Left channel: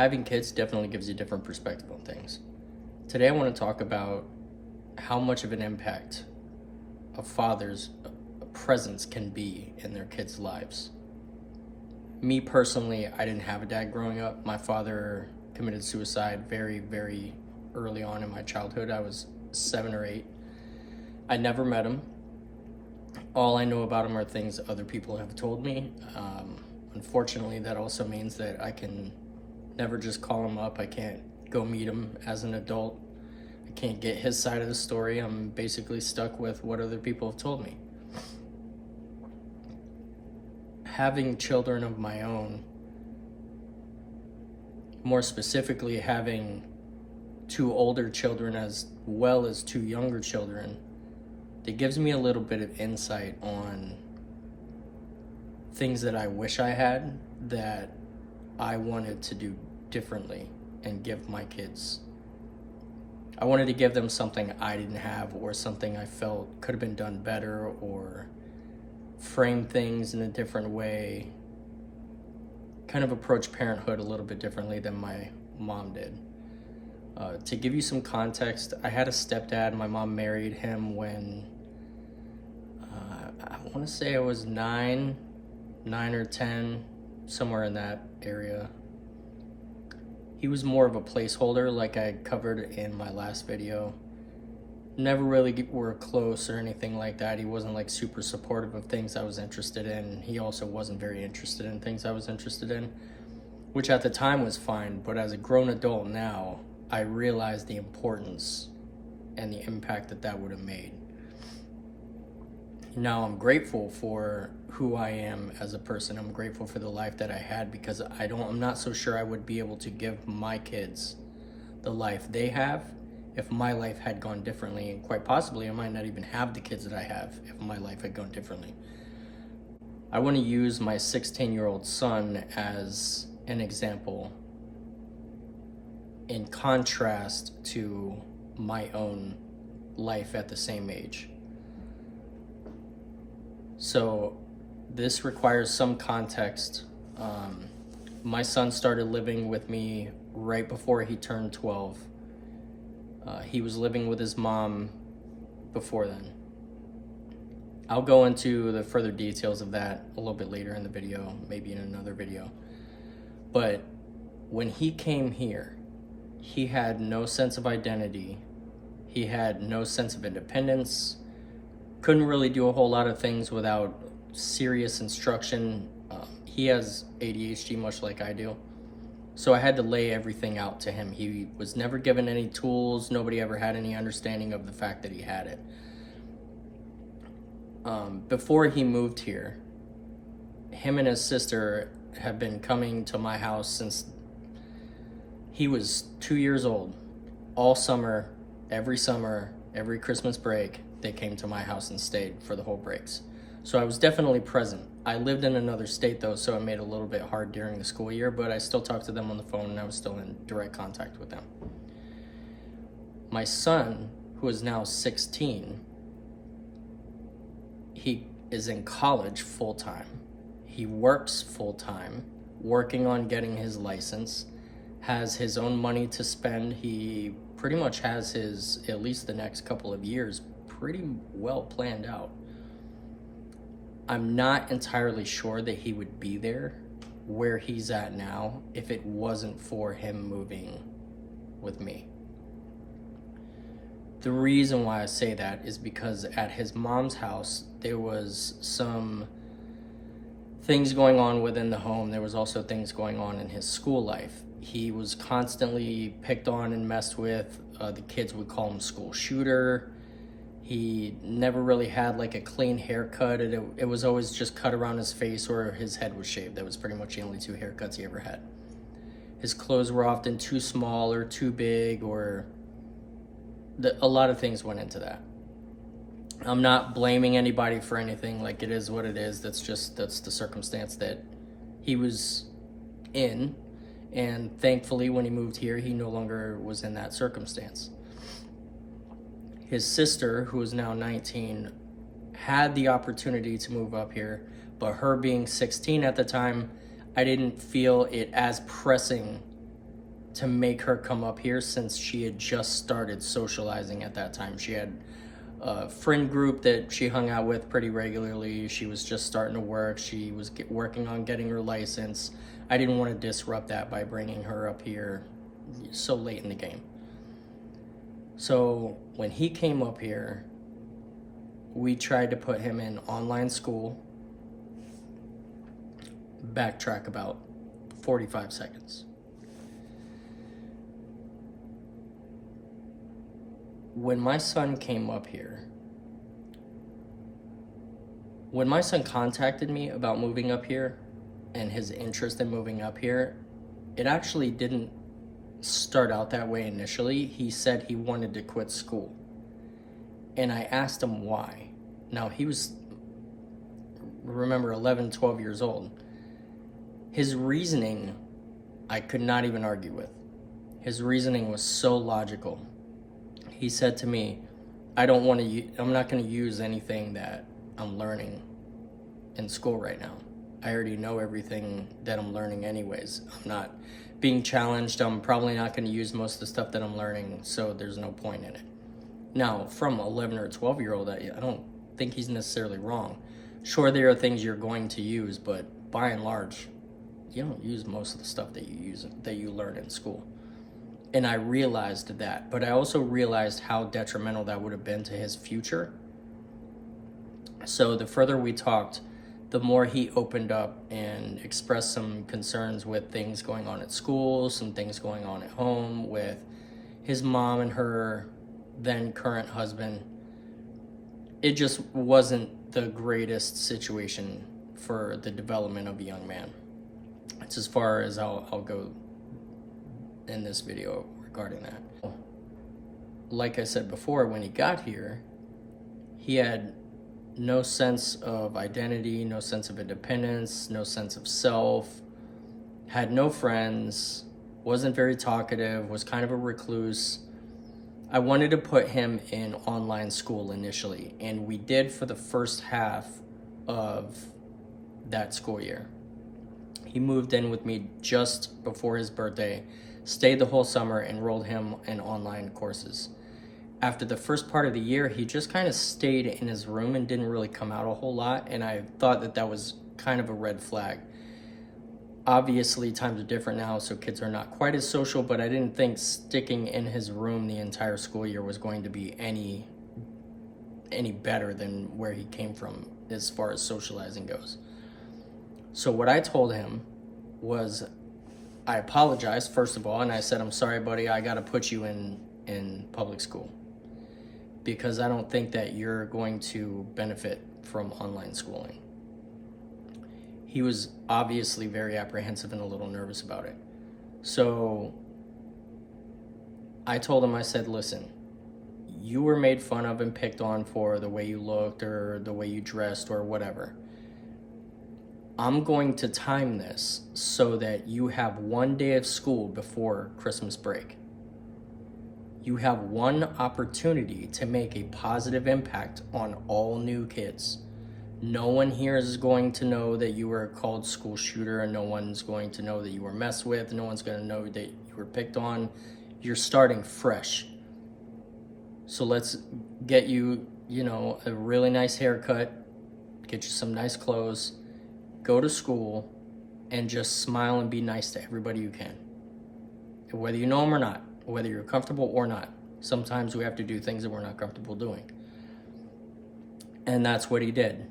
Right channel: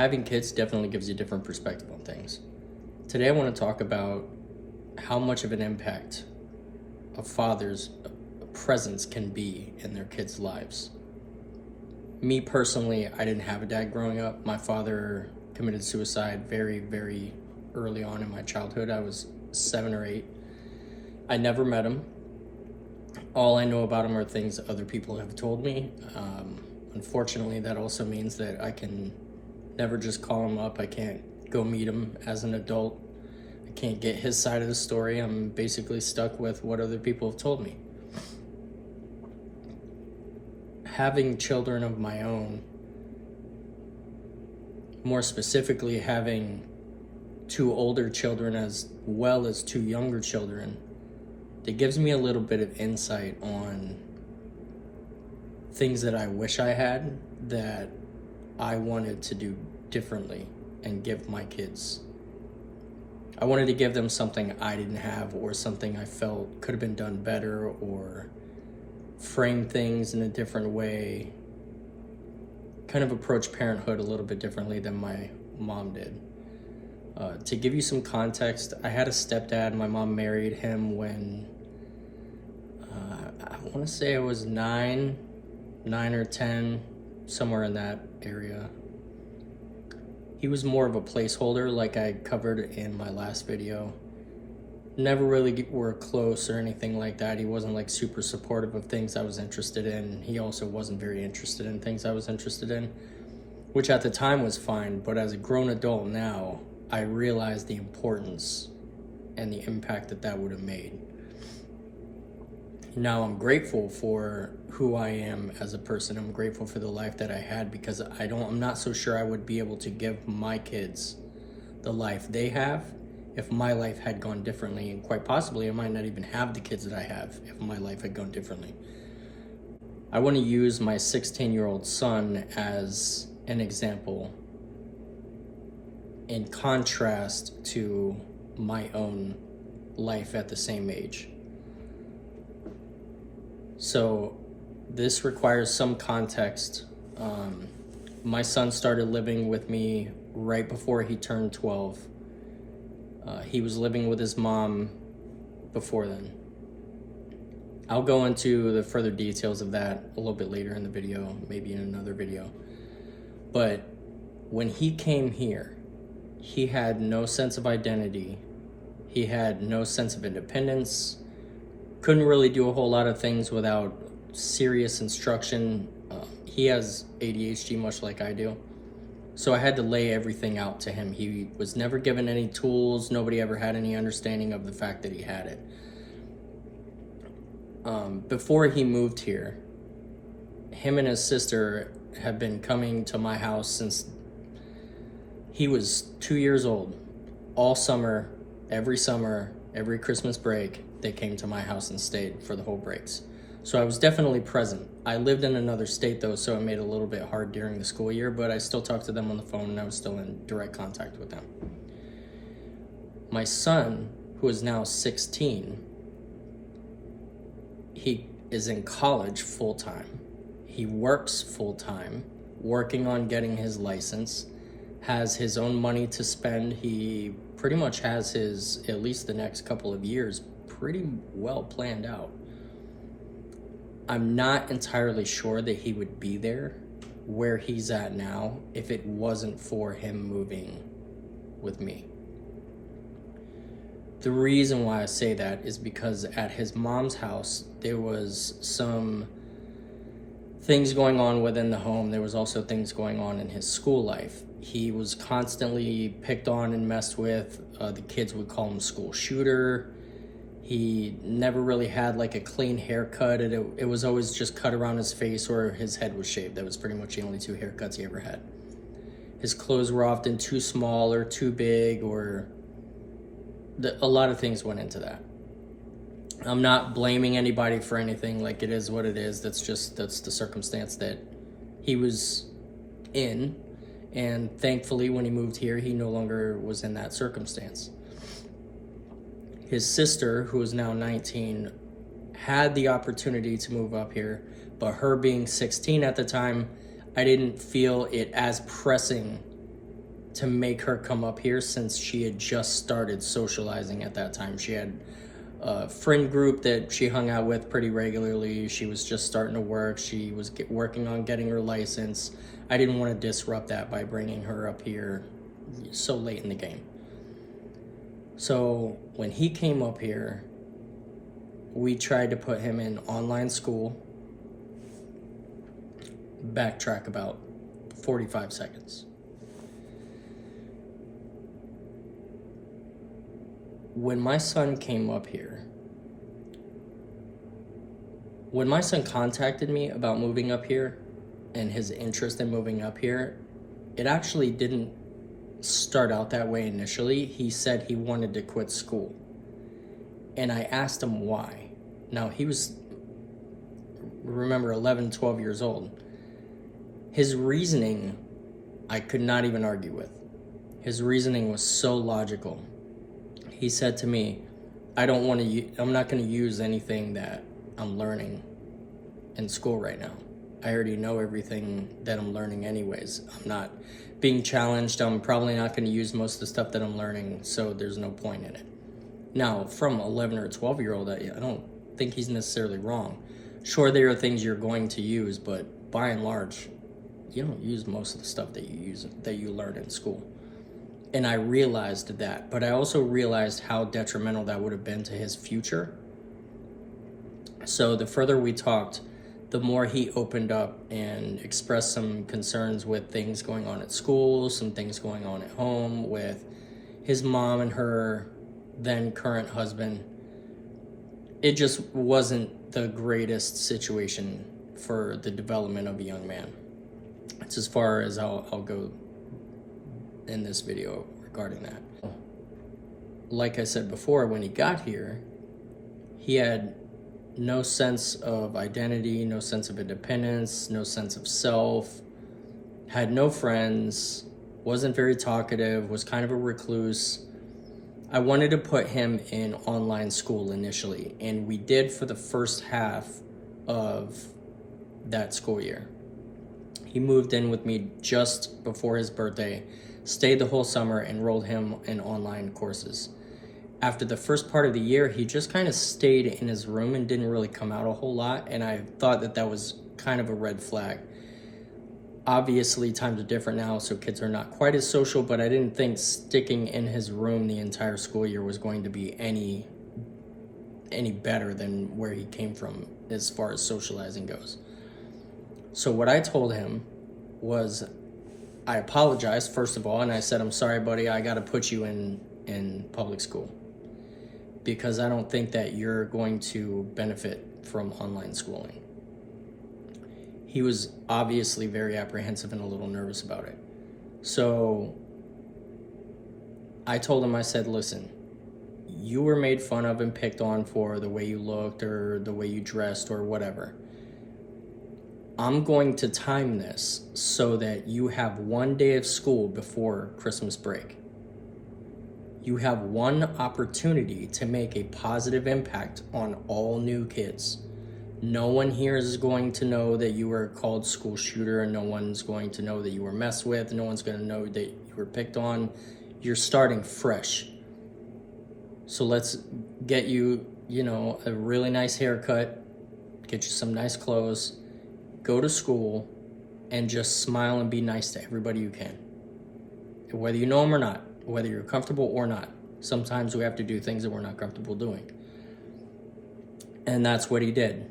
Having kids definitely gives you a different perspective on things. Today, I want to talk about how much of an impact a father's presence can be in their kids' lives. Me personally, I didn't have a dad growing up. My father committed suicide very, very early on in my childhood. I was 7 or 8. I never met him. All I know about him are things other people have told me. Unfortunately, that also means that I can never just call him up. I can't go meet him as an adult. I can't get his side of the story. I'm basically stuck with what other people have told me. Having children of my own, more specifically having 2 older children as well as 2 younger children, it gives me a little bit of insight on things that I wish I had that I wanted to do differently and give my kids. I wanted to give them something I didn't have, or something I felt could have been done better, or frame things in a different way, kind of approach parenthood a little bit differently than my mom did. To give you some context, I had a stepdad. My mom married him when I want to say I was 9 or 10, somewhere in that area. He was more of a placeholder, like I covered in my last video. Never really were close or anything like that. He wasn't like super supportive of things I was interested in. He also wasn't very interested in things I was interested in, which at the time was fine. But as a grown adult now, I realized the importance and the impact that that would have made. Now I'm grateful for who I am as a person. I'm grateful for the life that I had, because I'm not so sure I would be able to give my kids the life they have if my life had gone differently, and quite possibly I might not even have the kids that I have if my life had gone differently. I want to use my 16-year-old son as an example in contrast to my own life at the same age. So this requires some context. My son started living with me right before he turned 12. He was living with his mom before then. I'll go into the further details of that a little bit later in the video, maybe in another video. But when he came here, he had no sense of identity. He had no sense of independence. Couldn't really do a whole lot of things without serious instruction. He has ADHD, much like I do. So I had to lay everything out to him. He was never given any tools. Nobody ever had any understanding of the fact that he had it. Before he moved here, him and his sister have been coming to my house since he was 2 years old. All summer, every Christmas break, they came to my house and stayed for the whole breaks. So I was definitely present. I lived in another state though, so it made it a little bit hard during the school year, but I still talked to them on the phone and I was still in direct contact with them. My son, who is now 16, he is in college full-time. He works full-time, working on getting his license, has his own money to spend. He pretty much has his, at least the next couple of years, pretty well planned out. I'm not entirely sure that he would be there where he's at now if it wasn't for him moving with me. The reason why I say that is because at his mom's house, there was some things going on within the home. There was also things going on in his school life. He was constantly picked on and messed with. The kids would call him school shooter. He never really had like a clean haircut. It was always just cut around his face, or his head was shaved. That was pretty much the only 2 haircuts he ever had. His clothes were often too small or too big, or a lot of things went into that. I'm not blaming anybody for anything. Like, it is what it is. That's the circumstance that he was in. And thankfully, when he moved here, he no longer was in that circumstance. His sister, who is now 19, had the opportunity to move up here, but her being 16 at the time, I didn't feel it as pressing to make her come up here, since she had just started socializing at that time. She had a friend group that she hung out with pretty regularly. She was just starting to work. She was working on getting her license. I didn't want to disrupt that by bringing her up here so late in the game. So when he came up here, we tried to put him in online school. Backtrack about 45 seconds. When my son came up here, when my son contacted me about moving up here and his interest in moving up here, it actually didn't start out that way initially. He said he wanted to quit school. And I asked him why. Now, he was, remember, 11, 12 years old. His reasoning, I could not even argue with. His reasoning was so logical. He said to me, I'm not going to use anything that I'm learning in school right now. I already know everything that I'm learning anyways. I'm not being challenged. I'm probably not going to use most of the stuff that I'm learning, so there's no point in it. Now, from 11 or 12-year-old, I don't think he's necessarily wrong. Sure, there are things you're going to use, but by and large, you don't use most of the stuff that you learn in school. And I realized that, but I also realized how detrimental that would have been to his future. So the further we talked, the more he opened up and expressed some concerns with things going on at school, some things going on at home with his mom and her then current husband. It just wasn't the greatest situation for the development of a young man. It's as far as I'll go in this video regarding that. Like I said before, when he got here, he had no sense of identity, no sense of independence, no sense of self, had no friends, wasn't very talkative, was kind of a recluse. I wanted to put him in online school initially, and we did for the first half of that school year. He moved in with me just before his birthday, stayed the whole summer, enrolled him in online courses. After the first part of the year, he just kind of stayed in his room and didn't really come out a whole lot, and I thought that was kind of a red flag. Obviously, times are different now, so kids are not quite as social, but I didn't think sticking in his room the entire school year was going to be any better than where he came from as far as socializing goes. So what I told him was, I apologized, first of all, and I said, I'm sorry, buddy, I got to put you in public school because I don't think that you're going to benefit from online schooling. He was obviously very apprehensive and a little nervous about it. So I told him, I said, listen, you were made fun of and picked on for the way you looked or the way you dressed or whatever. I'm going to time this so that you have one day of school before Christmas break. You have one opportunity to make a positive impact on all new kids. No one here is going to know that you were called school shooter, and no one's going to know that you were messed with. No one's going to know that you were picked on. You're starting fresh. So let's get you, a really nice haircut, get you some nice clothes, go to school, and just smile and be nice to everybody you can. Whether you know them or not, whether you're comfortable or not. Sometimes we have to do things that we're not comfortable doing. And that's what he did.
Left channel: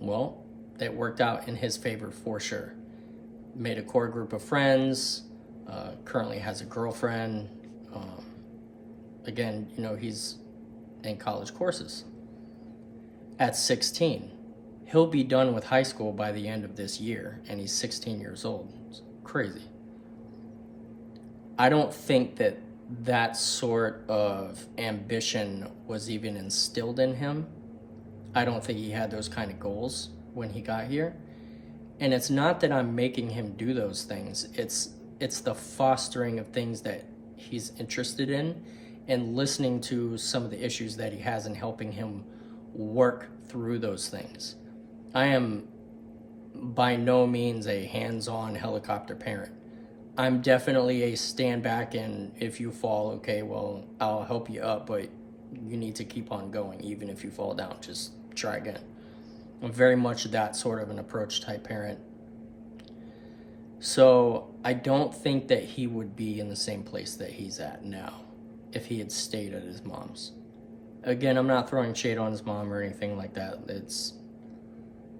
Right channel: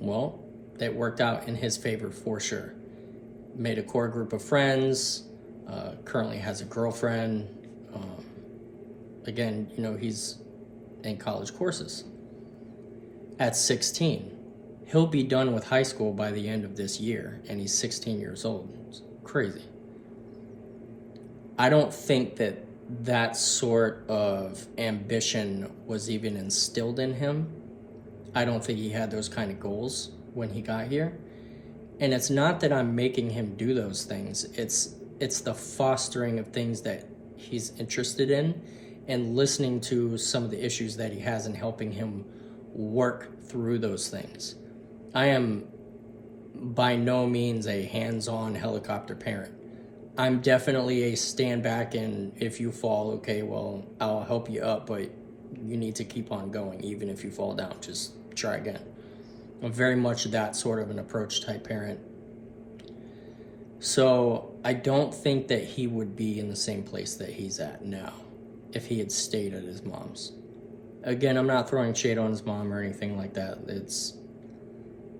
Well, that worked out in his favor for sure. Made a core group of friends, currently has a girlfriend. Again, he's in college courses. At 16, he'll be done with high school by the end of this year, and he's 16 years old. It's crazy. I don't think that sort of ambition was even instilled in him. I don't think he had those kind of goals when he got here. And it's not that I'm making him do those things. It's the fostering of things that he's interested in and listening to some of the issues that he has and helping him work through those things. I am by no means a hands-on helicopter parent. I'm definitely a stand back, and if you fall, okay, well, I'll help you up, but you need to keep on going. Even if you fall down, just try again. I'm very much that sort of an approach type parent. So I don't think that he would be in the same place that he's at now if he had stayed at his mom's. Again, I'm not throwing shade on his mom or anything like that. It's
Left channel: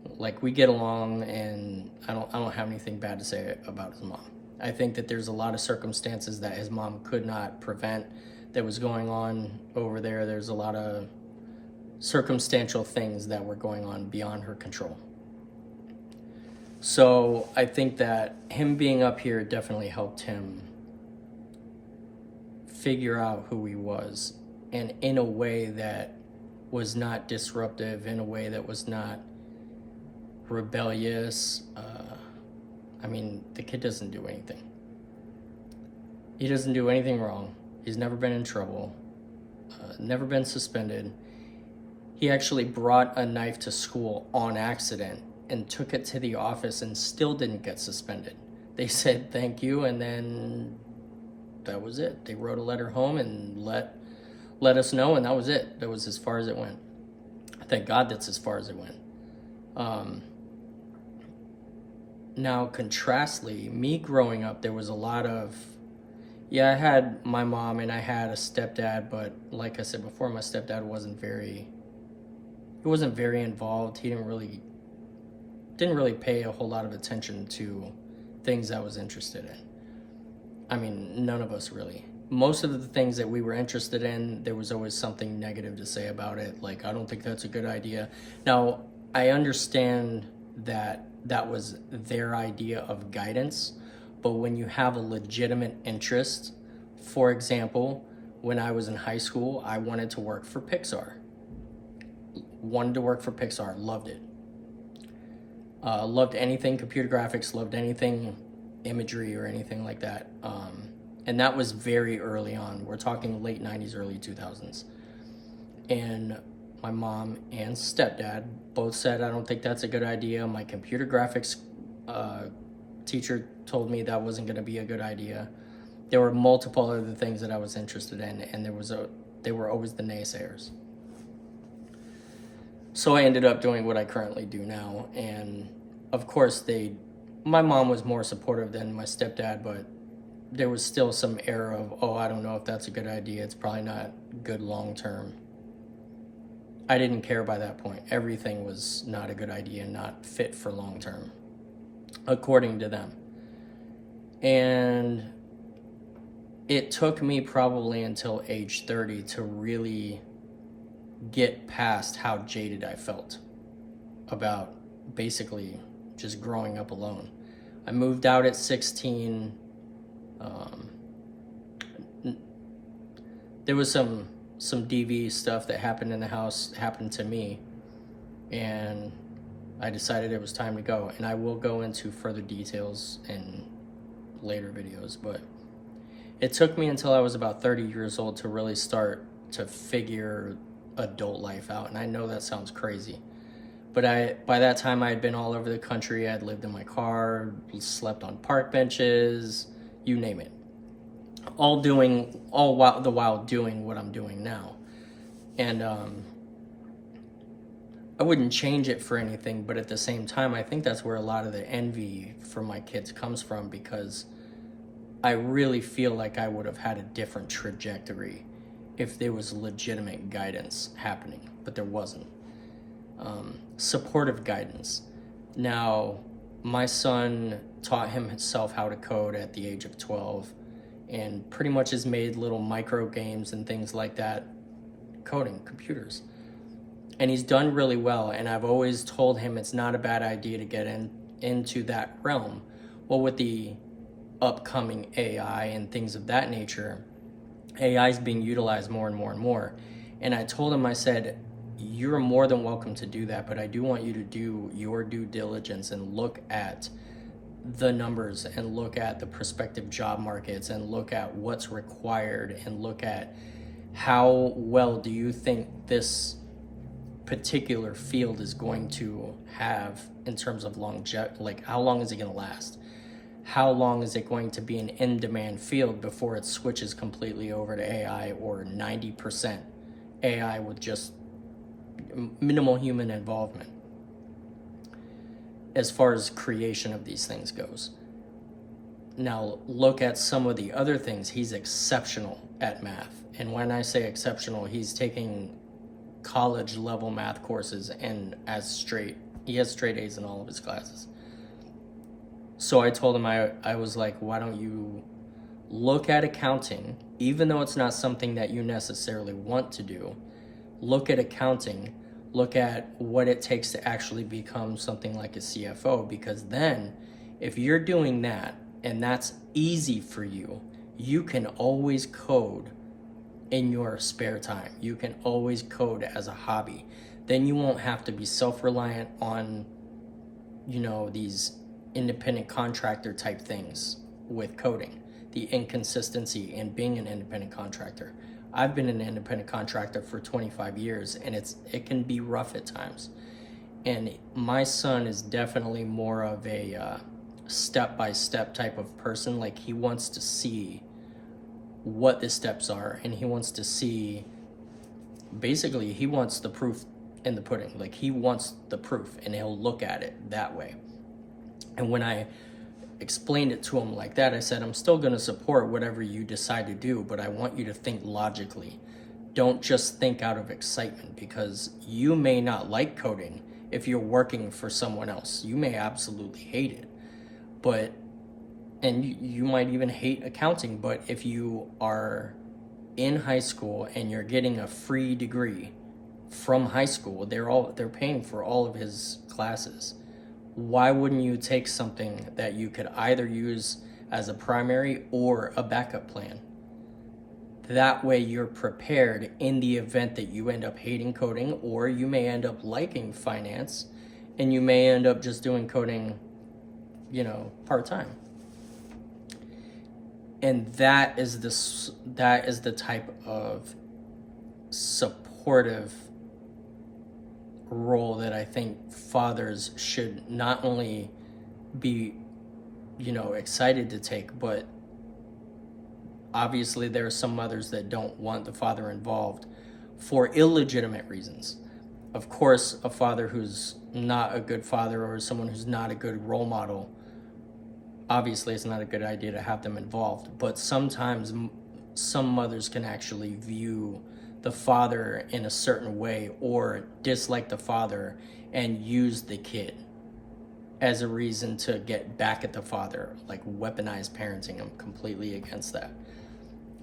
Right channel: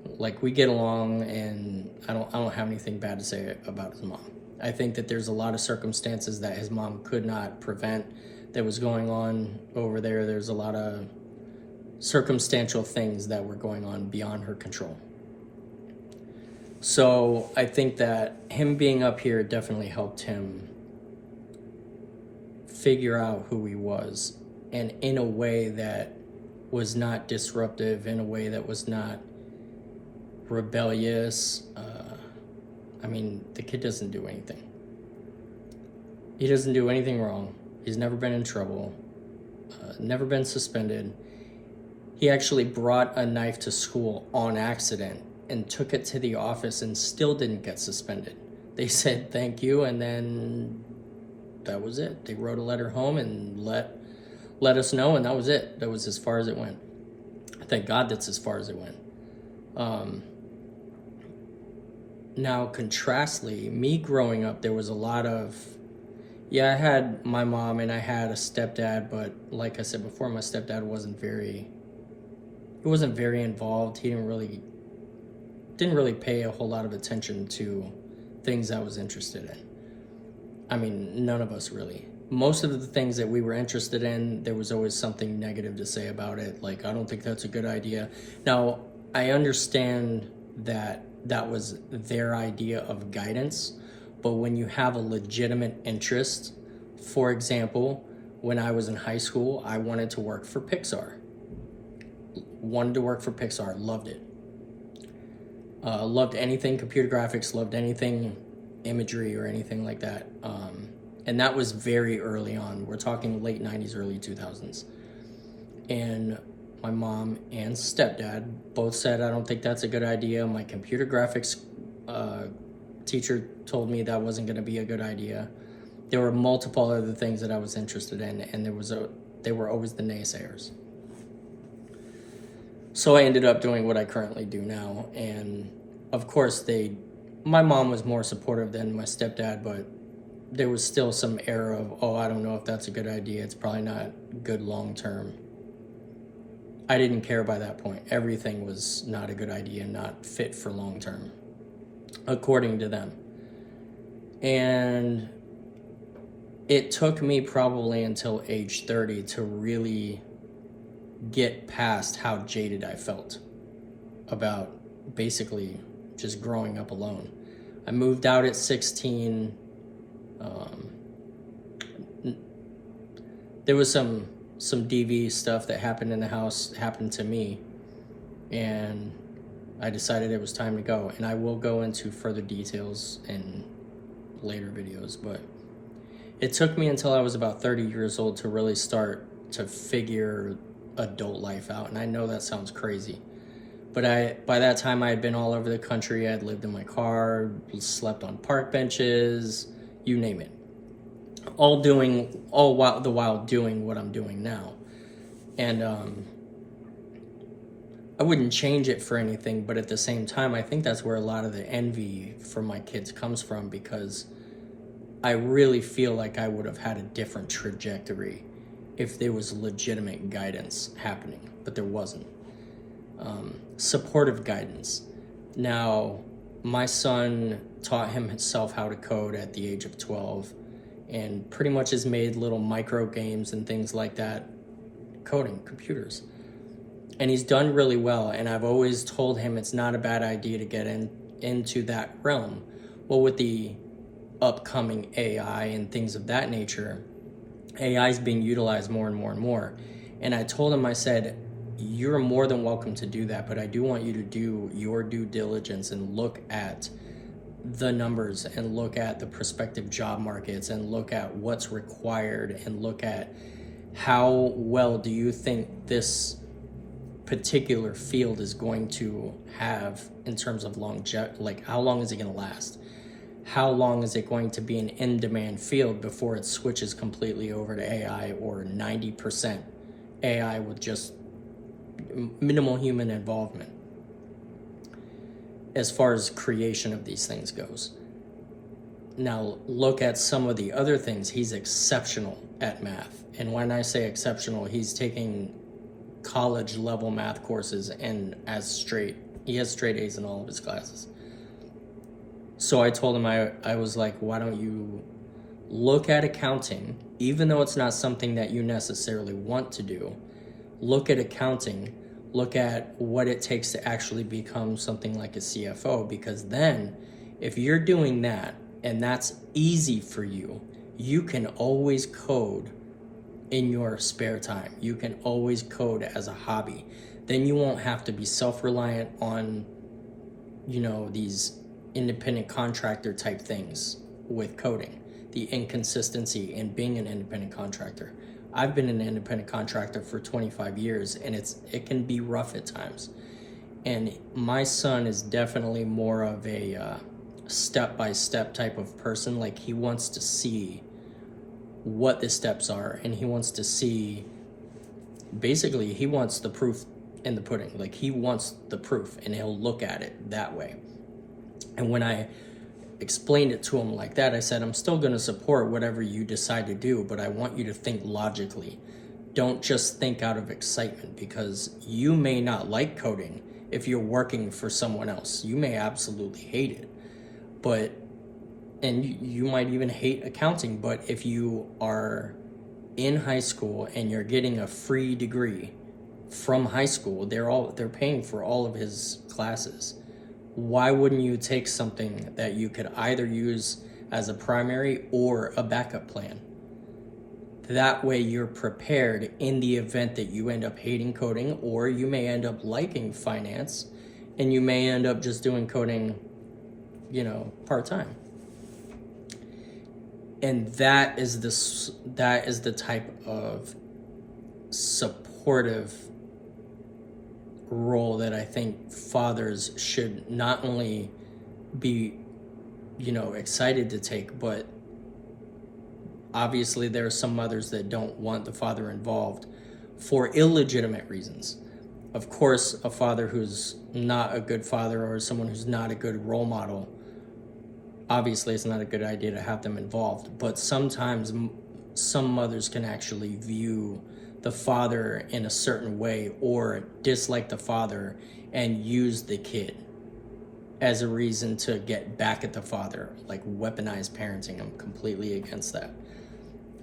like we get along, and I don't have anything bad to say about his mom. I think that there's a lot of circumstances that his mom could not prevent that was going on over there. There's a lot of circumstantial things that were going on beyond her control. So I think that him being up here definitely helped him figure out who he was, and in a way that was not disruptive, in a way that was not rebellious. I mean, the kid doesn't do anything. He doesn't do anything wrong. He's never been in trouble, never been suspended. He actually brought a knife to school on accident and took it to the office and still didn't get suspended. They said thank you, and then that was it. They wrote a letter home and let us know, and that was it. That was as far as it went. Thank God that's as far as it went. Now, contrastly, me growing up, there was a lot of, I had my mom and I had a stepdad, but like I said before, my stepdad wasn't very involved. He didn't really pay a whole lot of attention to things I was interested in. I mean, none of us really. Most of the things that we were interested in, there was always something negative to say about it. Like, I don't think that's a good idea. Now, I understand that was their idea of guidance, but when you have a legitimate interest, for example, when I was in high school, I wanted to work for Pixar. Loved it. Loved anything computer graphics, loved anything imagery or anything like that. And that was very early on. We're talking late 90s, early 2000s. And my mom and stepdad both said, I don't think that's a good idea. My computer graphics teacher told me that wasn't going to be a good idea. There were multiple other things that I was interested in, and they were always the naysayers. So I ended up doing what I currently do now. And of course, my mom was more supportive than my stepdad, but there was still some air of, I don't know if that's a good idea. It's probably not good long term. I didn't care by that point. Everything was not a good idea, not fit for long term, according to them. And it took me probably until age 30 to really get past how jaded I felt about basically just growing up alone. I moved out at 16. There was some DV stuff that happened in the house, happened to me, and I decided it was time to go. And I will go into further details in later videos, but it took me until I was about 30 years old to really start to figure adult life out. And I know that sounds crazy, but by that time I had been all over the country. I had lived in my car, slept on park benches, you name it. All the while doing what I'm doing now. And I wouldn't change it for anything, but at the same time, I think that's where a lot of the envy for my kids comes from, because I really feel like I would have had a different trajectory if there was legitimate guidance happening, but there wasn't. Supportive guidance. Now, my son taught himself how to code at the age of 12, and pretty much has made little micro games and things like that, coding computers. And he's done really well, and I've always told him it's not a bad idea to get into that realm. Well, with the upcoming AI and things of that nature, AI is being utilized more and more and more. And I told him, I said, you're more than welcome to do that, but I do want you to do your due diligence and look at the numbers and look at the prospective job markets and look at what's required and look at how well do you think this particular field is going to have in terms of longevity, like how long is it going to last? how long is it going to be an in-demand field before it switches completely over to AI, or 90% AI with just minimal human involvement as far as creation of these things goes. Now look at some of the other things. He's exceptional at math. And when I say exceptional, he's taking college level math courses and he has straight A's in all of his classes. So I told him, I was like, why don't you look at accounting, even though it's not something that you necessarily want to do, look at accounting, look at what it takes to actually become something like a CFO, because then if you're doing that and that's easy for you, you can always code in your spare time. You can always code as a hobby. Then you won't have to be self-reliant on, these independent contractor type things with coding, the inconsistency in being an independent contractor. I've been an independent contractor for 25 years, and it can be rough at times. And my son is definitely more of a step-by-step type of person. Like, he wants to see what the steps are, and he wants to see, basically he wants the proof in the pudding. Like, he wants the proof, and he'll look at it that way. And when I explained it to him like that, I said, I'm still going to support whatever you decide to do, but I want you to think logically. Don't just think out of excitement, because you may not like coding if you're working for someone else. You may absolutely hate it, and you might even hate accounting. But if you are in high school and you're getting a free degree from high school, they're paying for all of his classes. Why wouldn't you take something that you could either use as a primary or a backup plan? That way you're prepared in the event that you end up hating coding, or you may end up liking finance, and you may end up just doing coding, part-time. And that is the type of supportive role that I think fathers should not only be, excited to take, but obviously there are some mothers that don't want the father involved for illegitimate reasons. Of course, a father who's not a good father, or someone who's not a good role model, obviously it's not a good idea to have them involved. But sometimes some mothers can actually view the father in a certain way, or dislike the father and use the kid as a reason to get back at the father, like weaponized parenting. I'm completely against that.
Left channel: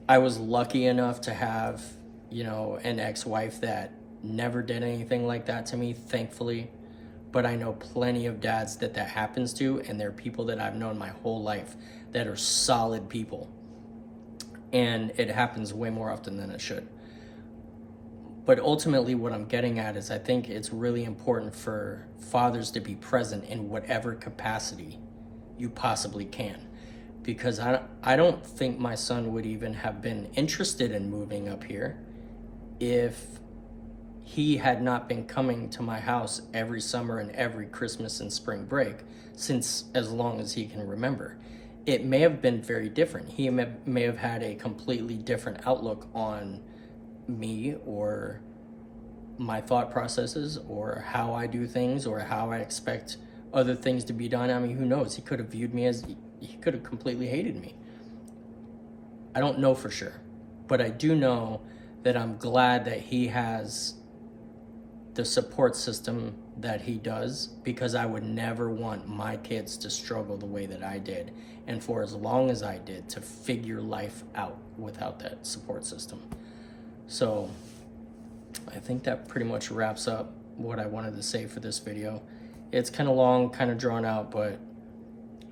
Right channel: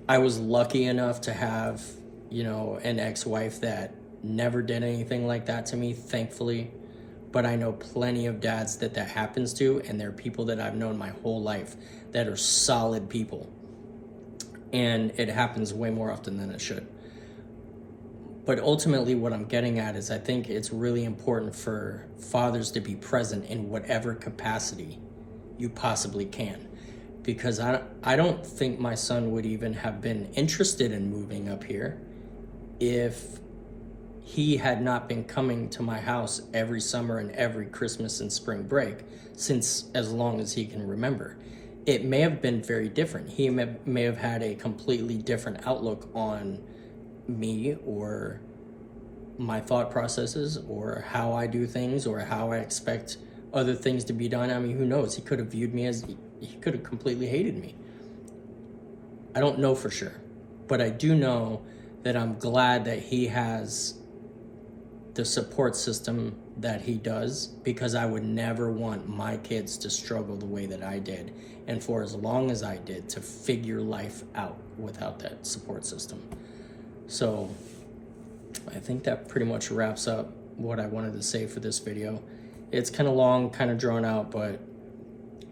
I was lucky enough to have, an ex-wife that never did anything like that to me, thankfully. But I know plenty of dads that happens to, and they're people that I've known my whole life that are solid people. And it happens way more often than it should. But ultimately what I'm getting at is, I think it's really important for fathers to be present in whatever capacity you possibly can. Because I don't think my son would even have been interested in moving up here if he had not been coming to my house every summer and every Christmas and spring break since as long as he can remember. It may have been very different. He may have had a completely different outlook on me, or my thought processes, or how I do things, or how I expect other things to be done. I mean, who knows? He could have viewed me as, he could have completely hated me. I don't know for sure, but I do know that I'm glad that he has the support system that he does, because I would never want my kids to struggle the way that I did, and for as long as I did, to figure life out without that support system. So I think that pretty much wraps up what I wanted to say for this video. It's kind of long, kind of drawn out, but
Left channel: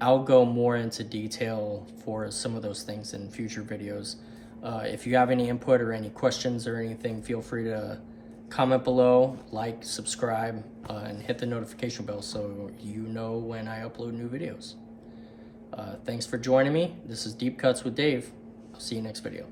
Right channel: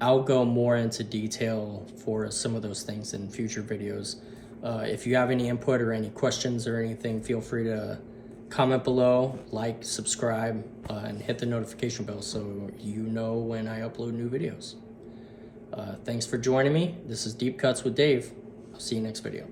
I'll go more into detail for some of those things in future videos. If you have any input or any questions or anything, feel free to comment below, like, subscribe, and hit the notification bell so you know when I upload new videos. Thanks for joining me. This is Deep Cuts with Dave. I'll see you next video.